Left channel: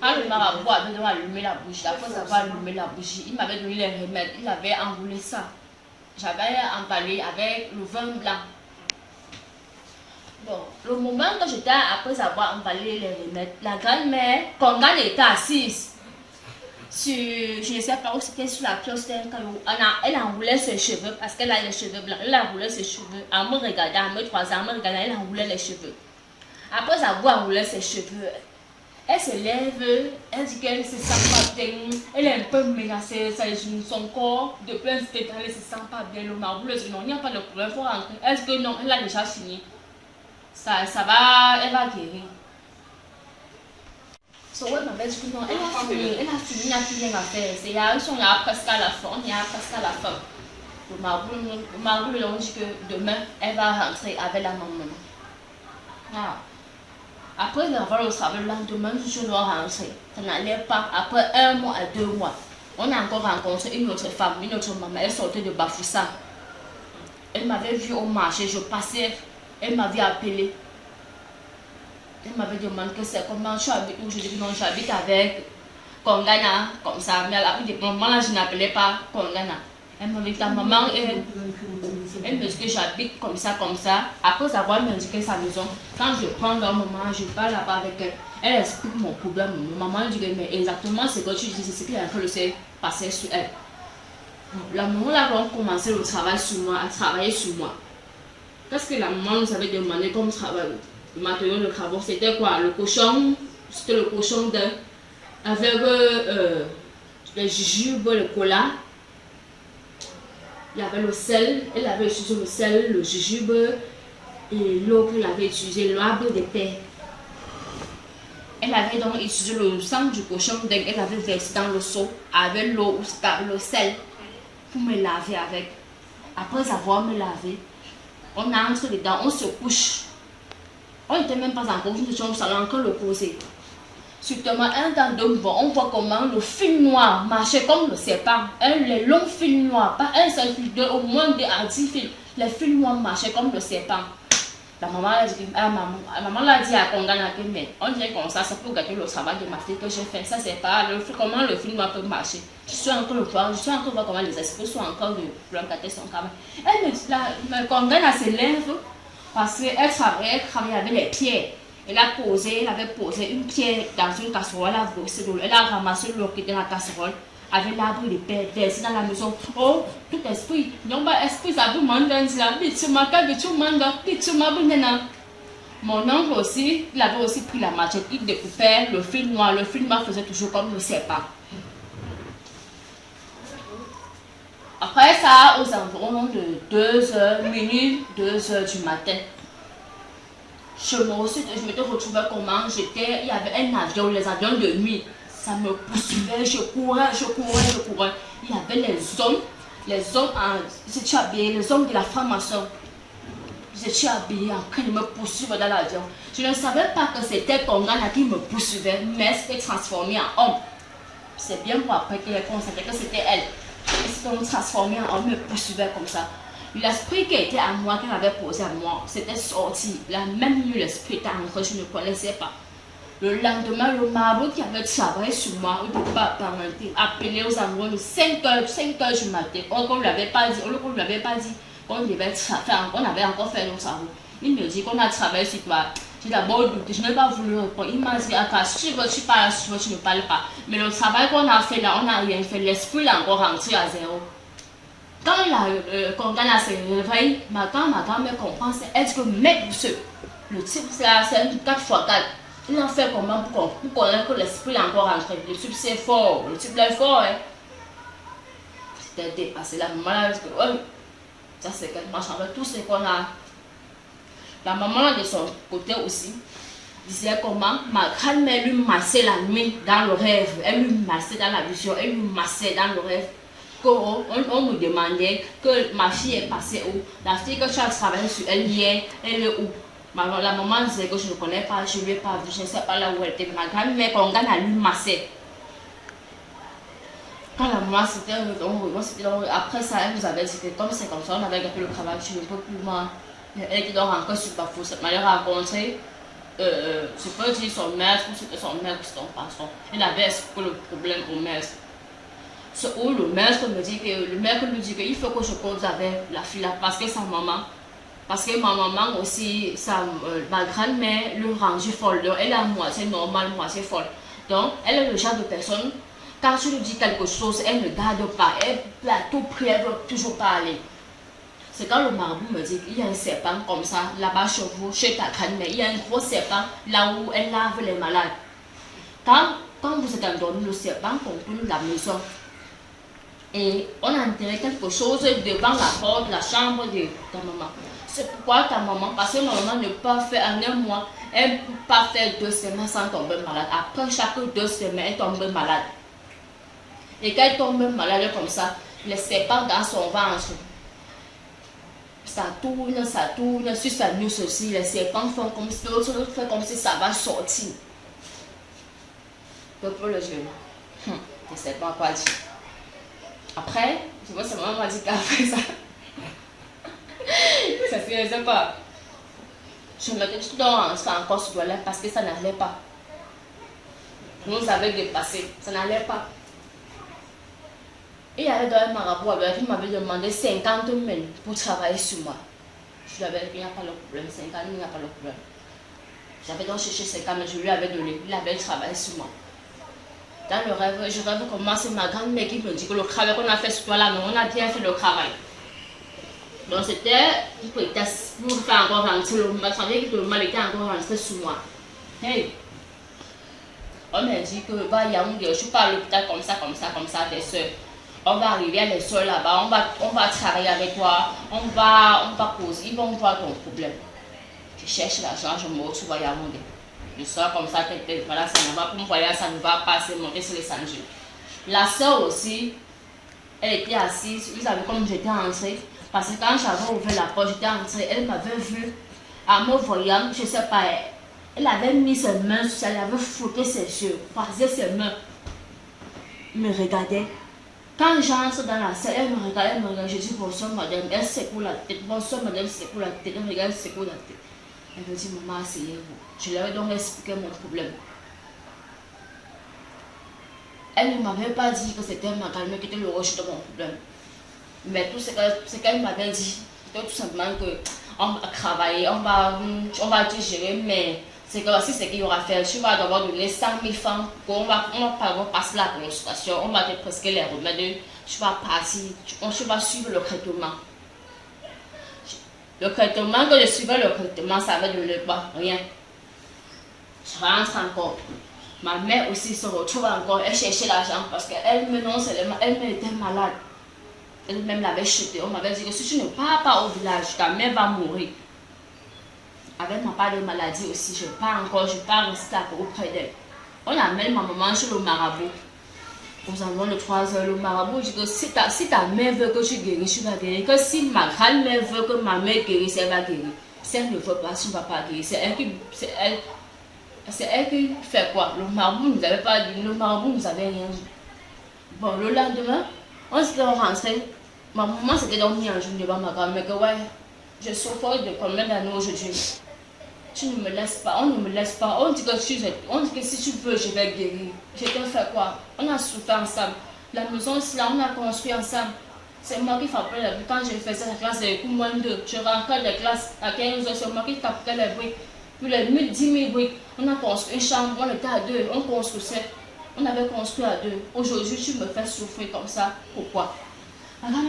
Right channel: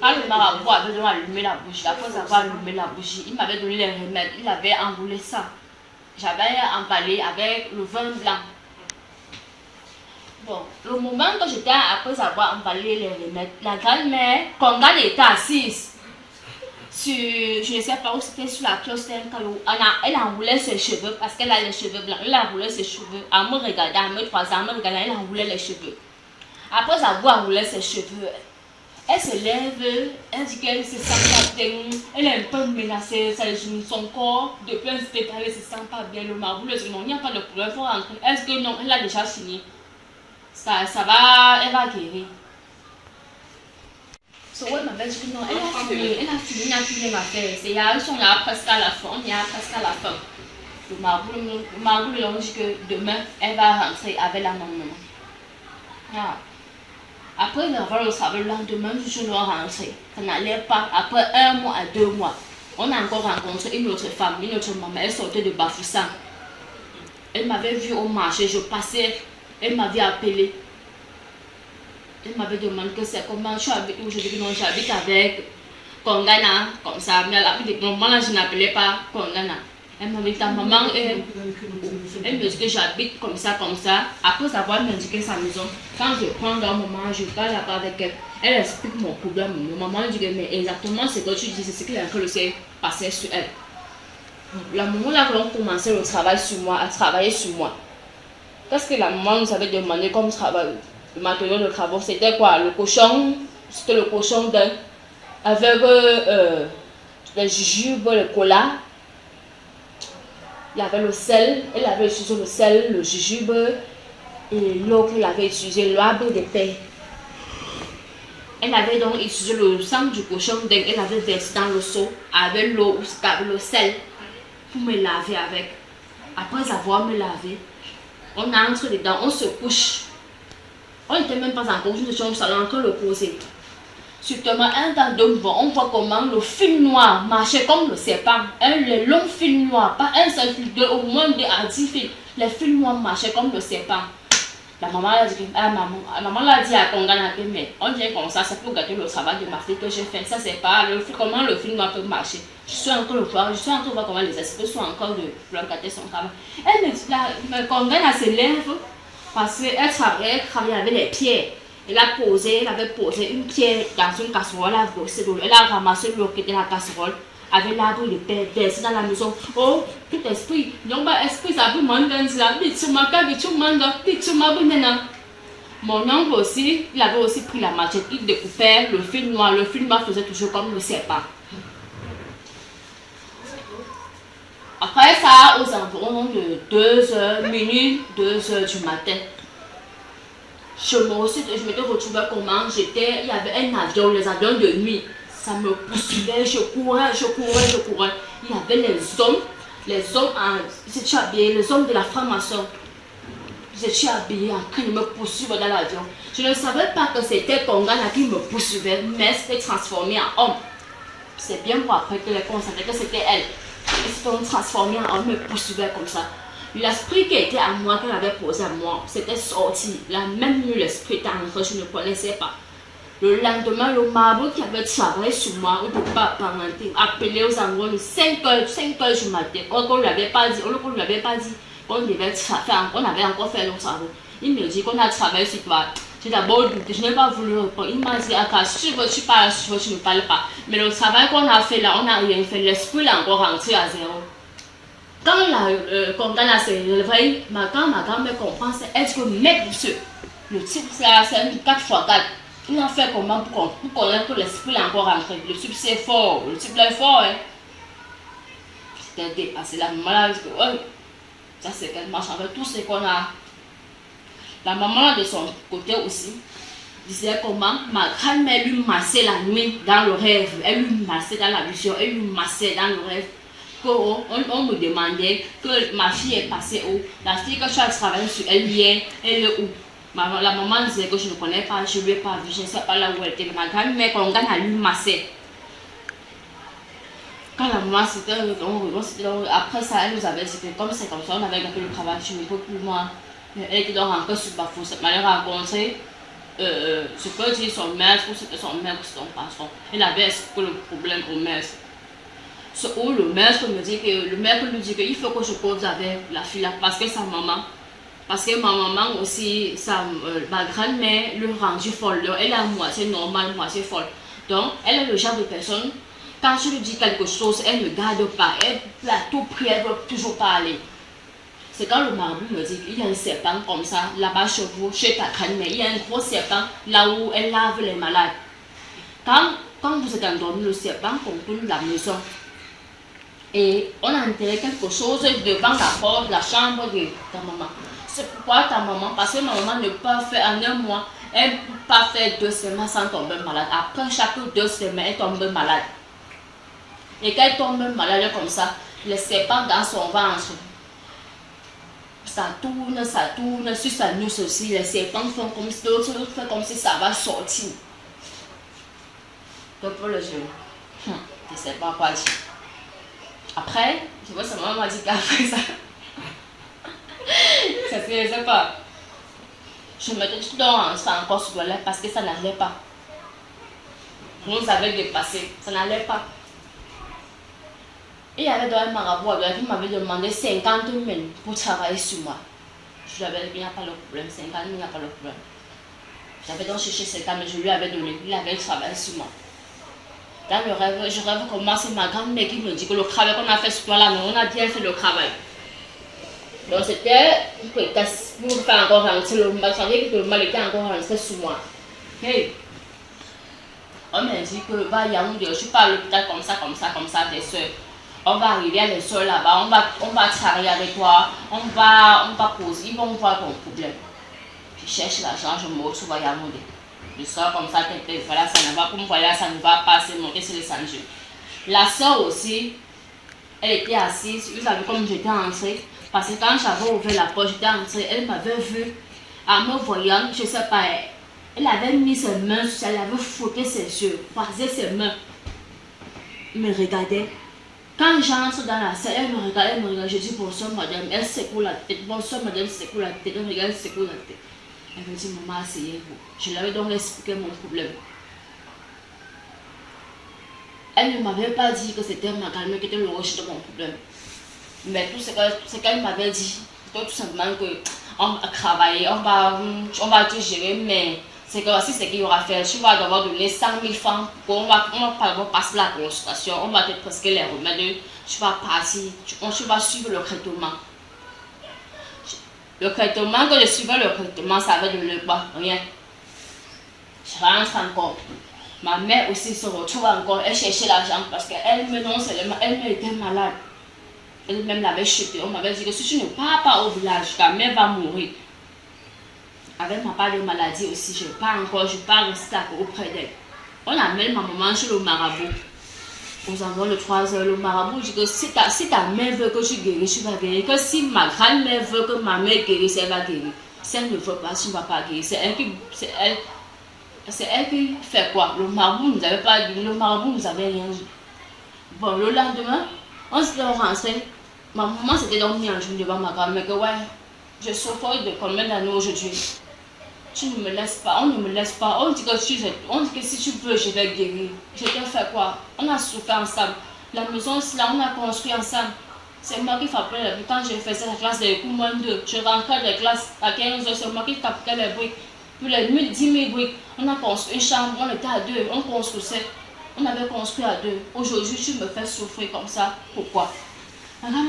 Quand le marabout avait donné allumer la bougie, après avoir allumé la bougie, il m'avait donné les remèdes. Il avait enroulé ça. J'avais emballé avec le vin blanc. Bon, le moment que j'étais après avoir emballé les remèdes, la grand-mère, Kongane était assise sur, je ne sais pas où c'était, sur la kiosque. Elle enroulait ses cheveux parce qu'elle a les cheveux blancs. Elle enroulait ses cheveux en me regardant, en me croisant, en me regardant, elle enroulait les cheveux. Après avoir enroulé ses cheveux, elle se lève, elle dit qu'elle se sent pas bien, elle est un peu menacée, son corps, depuis un spectacle, elle se sent pas bien. Le marabout lui dit non, il n'y a pas de problème, il faut rentrer. Elle dit que non, elle a déjà fini. Ça va, elle va guérir. So, elle m'avait dit que non, elle a fini, il n'y a plus rien à faire. Il y a presque à la fin, Le marabout lui a dit que demain, elle va rentrer avec la maman. Ah. Après avoir le travail le lendemain, je dois rentrer. Ça n'allait pas. Après 1 mois à 2 mois, on a encore rencontré une autre femme, une autre maman. Elle sortait de Bafoussam. Elle m'avait vu au marché, je passais. Elle m'avait appelé. Elle m'avait demandé que c'est comment je habite où. Je dis non, j'habite avec Kongana, comme ça. Mais à la moment là, je n'appelais pas Kongana. Elle m'a dit ta maman, elle me dit que j'habite comme ça. Après avoir m'indiqué sa maison, quand je prends un moment, je parle là-bas avec elle. Elle explique mon problème. Ma maman dit que mais exactement ce que tu dis, c'est ce qui est en train de se passer sur elle. La maman là, on commençait le travail sur moi, à travailler sur moi. Qu'est-ce que la maman nous avait demandé comme travail? Maintenant le travail, c'était quoi? Le cochon, c'était le cochon d'un avec le jujube, le cola. Il y avait le sel, elle avait utilisé le sel, le jujube et l'eau qu'elle avait utilisé, l'herbe d'épais. Elle avait donc utilisé le sang du cochon, donc elle avait versé dans le seau avec l'eau, avec le sel pour me laver avec. Après avoir me lavé, on entre dedans, on se couche. On n'était même pas encore une chambre, ça a encore le poser. Subitement, un temps de on voit comment le fil noir marchait comme le serpent. Les longs fils noirs, pas un seul fil, au moins des à 10 fils. Les fils noirs marchaient comme le serpent. La maman l'a dit, maman l'a dit à Kongana, mais on vient comme ça, c'est pour gâter le travail de ma fille que j'ai fait. Ça, c'est pas comment le fil noir peut marcher. Je suis encore le voir, je suis encore voir comment les esprits sont encore de gâter son travail. Elle me dit, Kongana se lève parce qu'elle travaillait avec les pierres. Elle avait posé une pierre dans une casserole, elle a ramassé l'eau qui était dans la casserole, avec l'arbre de paix, versé dans la maison. Oh, tout esprit, non pas esprit, ça vous manque dans la vie, tu m'as Mon oncle aussi, il avait aussi pris la machette, il découpait le fil noir faisait toujours comme le serpent. Après ça, aux environs de 2h, minuit, 2h du matin, je m'étais retrouvée comment j'étais, il y avait un avion, les avions de nuit, ça me poursuivait, je courais. Il y avait les hommes les hommes de la franc-maçon. J'étais habillée en train de me poursuivre dans l'avion. Je ne savais pas que c'était Kongana qui me poursuivait, mais c'était transformé en homme. C'est bien pour après que j'ai constaté que c'était elle. Elle s'était transformée en homme, me poursuivait comme ça. L'esprit qui était à moi, qu'elle avait posé à moi, c'était sorti. La même nuit, l'esprit était entré, je ne connaissais pas. Le lendemain, le marabout qui avait travaillé sur moi, au départ parenté, appelé aux environs de 5h du matin. On ne lui avait pas dit, qu'on devait faire, on avait encore fait nos travaux. Il me dit qu'on a travaillé sur toi. J'ai d'abord douté, je n'ai pas voulu répondre. Il m'a dit, si tu parles, tu ne parles pas. Mais le travail qu'on a fait là, on n'a rien fait. L'esprit est encore rentré à zéro. Quand la Kongana s'est réveillée, quand ma grand-mère comprend, elle dit que mec, le type c'est un 4x4. Il a fait comment pour connaître que l'esprit est encore rentré. Le type c'est fort, le type est fort. Hein. C'était dépassé. La maman a dit que oh, ça c'est qu'elle marche avec tout ce qu'on a. La maman de son côté aussi disait comment ma grand-mère lui massait la nuit dans le rêve. Elle lui massait dans la vision, elle lui massait dans le rêve. On me demandait que ma fille est passée où. La fille que tu as travaillé sur elle hier, elle est où? La maman disait que je ne connais pas, je ne l'ai pas vue, je ne sais pas là où elle était. Ma grand-mère, quand on gagne à lui masser. Quand la maman c'était après ça, elle nous avait dit que comme c'est comme ça, on avait gardé le travail, je ne peux plus moi. Elle était donc encore sur Bafoussam. Elle m'a rencontré je peux dire son maître ou c'était son maître ou son patron. Il avait expliqué le problème au maître. Où le maître me dit qu'il faut que je cause avec la fille parce que sa maman, parce que ma maman aussi, ma grand-mère le rendue folle. Elle est à moitié normale, moitié folle. Donc, elle est le genre de personne, quand tu lui dis quelque chose, elle ne garde pas. Elle a tout pris, elle ne veut toujours pas aller. C'est quand le marabout me dit qu'il y a un serpent comme ça, là-bas chez vous, chez ta grand-mère, il y a un gros serpent là où elle lave les malades. Quand vous êtes endormi, le serpent contourne la maison. Et on a enterré quelque chose devant la porte, la chambre de ta maman. C'est pourquoi ta maman, parce que ma maman ne peut pas faire en un mois, elle ne peut pas faire 2 semaines sans tomber malade. Après chaque 2 semaines, elle tombe malade. Et quand elle tombe malade comme ça, le serpent dans son ventre, ça tourne, sur sa nuque aussi, les serpents font comme si, l'autre fait comme si ça va sortir. Donc pour le genou, je ne sais pas quoi dire. Après, je vois sa maman m'a dit qu'après ça, ça se faisait pas. Je mettais tout dans ça encore sur toilette parce que ça n'allait pas. Nous avait dépassé, ça n'allait pas. Et il y avait un marabout qui m'avait demandé 50 000 pour travailler sur moi. Je lui avais dit qu'il n'y a pas le problème, 50 000, il n'y a pas le problème. J'avais donc cherché 50 000, je lui avais donné, il avait travaillé sur moi. Dans le rêve, je rêve comment c'est ma grand-mère qui me dit que le travail qu'on a fait sur toi là, non, on a bien fait le travail. Donc c'était une prétexte pour faire encore rentrer le mal, ça veut dire que le mal était encore rentré sur moi. Hey, on m'a dit que va Yaoundé, je suis pas à l'hôpital comme ça, tes soeurs. On va arriver à les soeurs là-bas, on va travailler avec toi, on va poser, ils vont voir ton problème. Je cherche l'argent, je me retrouve à Yaoundé. Je sors comme ça, voilà, ça ne va pas, pour me voir, ça ne va pas, c'est monter sur les sangles. La soeur aussi, elle était assise, vous savez comme j'étais entrée, parce que quand j'avais ouvert la porte, j'étais entrée, elle m'avait vu, en me voyant, je ne sais pas, elle avait mis ses mains, elle avait frotté ses yeux, croisé ses mains, elle me regardait. Quand j'entre dans la salle, elle me regarde, je dis bonsoir madame, elle secoue la tête, bonsoir madame, secoue la tête, elle regarde, secoue la tête. Elle me dit maman, asseyez-vous. Je lui avais donc expliqué mon problème. Elle ne m'avait pas dit que c'était ma grand-mère qui était le rocher de mon problème. Mais tout ce qu'elle m'avait dit, c'était tout simplement qu'on va travailler, on va tout gérer, mais c'est que si c'est qu'il y aura à faire, tu vas devoir donner 100 000 francs, on va passer la consultation, on va te prescrire les remèdes, tu vas partir, tu vas suivre le traitement. Le traitement, quand je suivais le traitement, ça avait donné quoi? Rien. Je rentre encore. Ma mère aussi se retrouve encore, elle cherchait l'argent parce qu'elle-même non seulement, elle était malade. Elle-même l'avait chuté. On m'avait dit que si tu ne pars pas au village, ta mère va mourir. Avec ma part de maladie aussi, je pars rester auprès d'elle. On amène ma maman chez le marabout. Nous avons le 3 heures, le marabout dit que si ta mère veut que tu guérisses, tu vas guérir. Que si ma grand-mère veut que ma mère guérisse, elle va guérir. Si elle ne veut pas, tu ne vas pas guérir. C'est elle qui fait quoi? Le marabout ne nous avait pas dit, le marabout ne nous avait rien dit. Bon, le lendemain, on s'était rentré. Ma maman s'était donc mis en jour devant ma grand-mère que ouais, je souffre de combien d'années aujourd'hui? Tu ne me laisses pas, on ne me laisse pas. On dit que si tu veux, je vais guérir. Je t'ai fait quoi? On a souffert ensemble. La maison, c'est là, on a construit ensemble. C'est moi qui frappais les bruits. Quand je faisais la classe de coups, moins 2, je rentrais de classe à 15 heures, c'est moi qui tapais les bruits. Puis les 10 000 bruits, on a construit une chambre, on était à 2, on construisait. On avait construit à 2. Aujourd'hui, tu me fais souffrir comme ça. Pourquoi? Alors,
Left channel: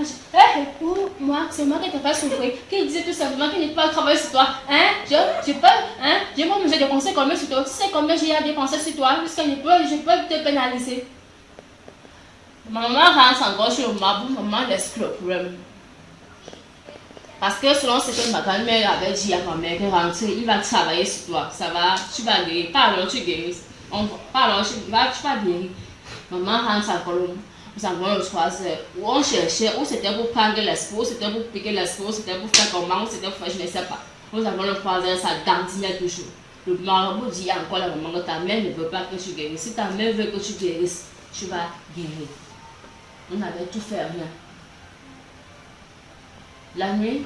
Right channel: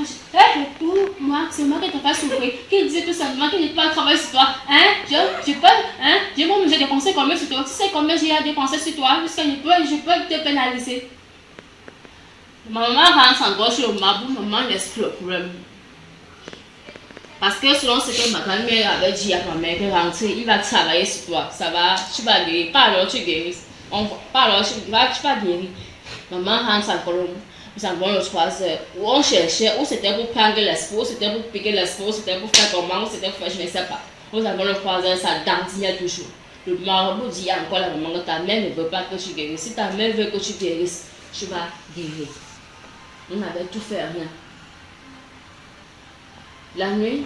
moi, c'est moi qui te fais souffrir. Qui disait tout simplement qu'il n'est pas travailler sur toi. Hein? Je peux dépenser combien sur toi? Tu sais combien j'ai à dépenser sur toi? Jusqu'à je peux te pénaliser. Maman rentre encore sur le marabout, maman laisse le problème. Parce que selon ce que ma grand-mère avait dit à ma mère, que rentrer, il va travailler sur toi. Ça va, tu vas guérir. Pas alors tu guéris. Pas alors tu vas guérir. Maman rentre encore le nous avons le 3 heures où on cherchait, où c'était pour prendre l'espoir, où c'était pour piquer l'espoir, où c'était pour faire comment, où c'était pour faire je ne sais pas. Nous avons le 3 heures, ça dandinait toujours. Le marabout dit encore la maman que ta mère ne veut pas que tu guérisses. Si ta mère veut que tu guérisses, tu vas guérir. On avait tout fait rien. La nuit,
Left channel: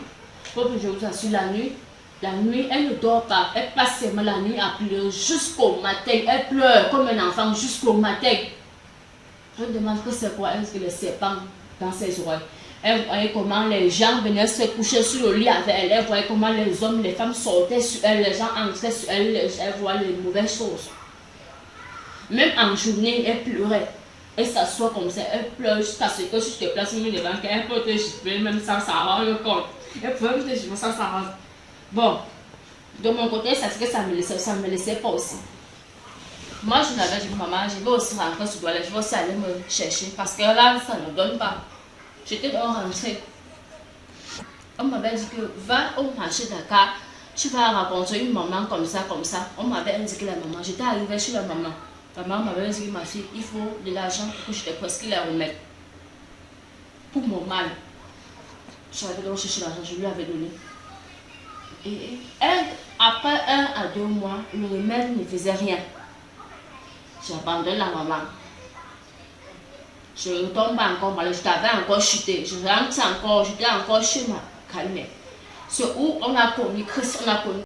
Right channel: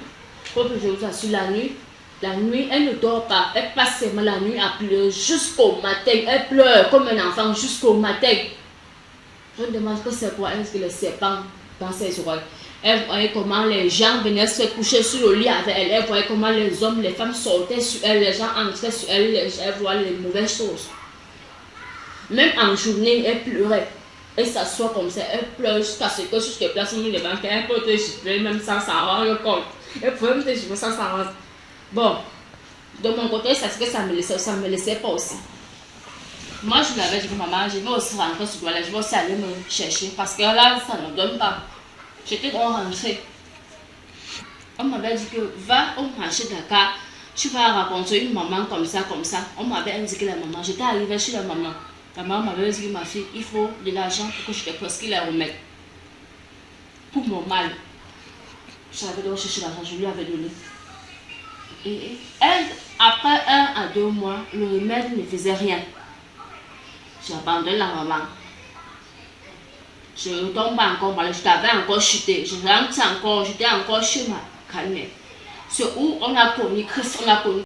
comme je vous assure, la nuit, La nuit, elle ne dort pas. Elle passe seulement la nuit à pleurer jusqu'au matin. Elle pleure comme un enfant jusqu'au matin. Je me demande que c'est quoi, est-ce que le serpent dans ses oreilles. Elle voyait comment les gens venaient se coucher sur le lit avec elle. Elle voyait comment les hommes, les femmes sortaient sur elle, les gens entraient sur elle. Elle voyait les mauvaises choses. Même en journée, elle pleurait. Elle s'assoit comme ça, elle pleure jusqu'à ce que sur tes places, les banques, elle peut te gifler même sans s'en rendre compte. Elle peut même te gifler sans s'en rendre. Bon, de mon côté, ça me laissait pas aussi. Moi, je l'avais dit, maman, je vais aussi rentrer sur Douala, je vais aussi aller me chercher parce que là, ça ne donne pas. J'étais donc rentrée. On m'avait dit que va au marché Dakar, tu vas rencontrer une maman comme ça, comme ça. On m'avait indiqué la maman. J'étais arrivée chez la maman. La maman m'avait dit, ma fille, il faut de l'argent pour que je te presque la remette. Pour mon mal. J'avais donc cherché l'argent, je lui avais donné. Et elle, après 1 à 2 mois, le remède ne faisait rien. J'abandonne la maman. Je ne retombe pas encore, je t'avais encore chuté. Je rentre encore, j'étais encore chez ma grand-mère. C'est où on a connu Christ, on a connu